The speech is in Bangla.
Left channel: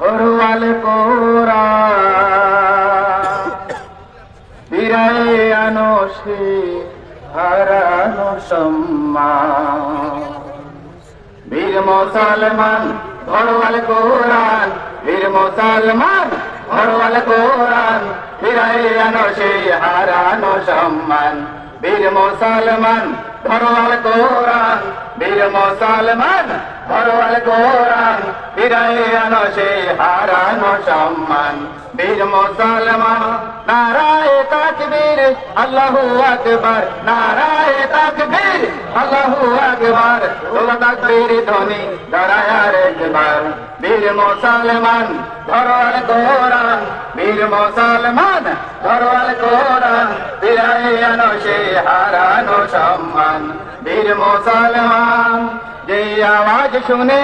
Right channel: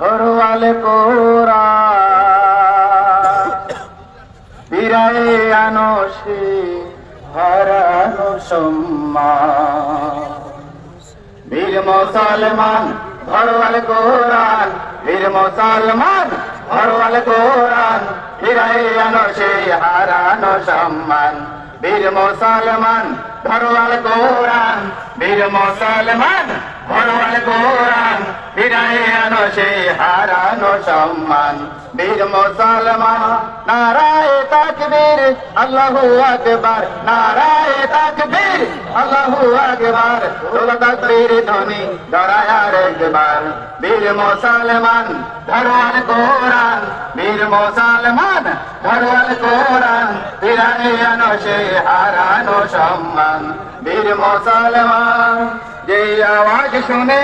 হরওয়াল কোরআন ফিরায়ে আনো সে হারানো সম্মান। বীর মুসলমান হরওয়াল কোরআন, বীর মুসলমান হরওয়াল কোরআন ফিরায়ে আনো সে হারানো সম্মান। বীর মুসলমান হরওয়াল কোরআন, বীর মুসলমান হরওয়াল কোরআন ফিরায়ে আনো সে হারানো সম্মান। বীর মুসলমান নারায়ে তাকবীর আল্লাহু আকবার, নারায়ে তাকবীর আল্লাহু আকবার, তোলো তাকবীর ধ্বনি ধরায়ার একবার। বীর মুসলমান হরওয়াল কোরআন, বীর মুসলমান হরওয়াল কোরআন ফিরায়ে আনো সে হারানো সম্মান। বীর মুসলমান যে আওয়াজ শুনে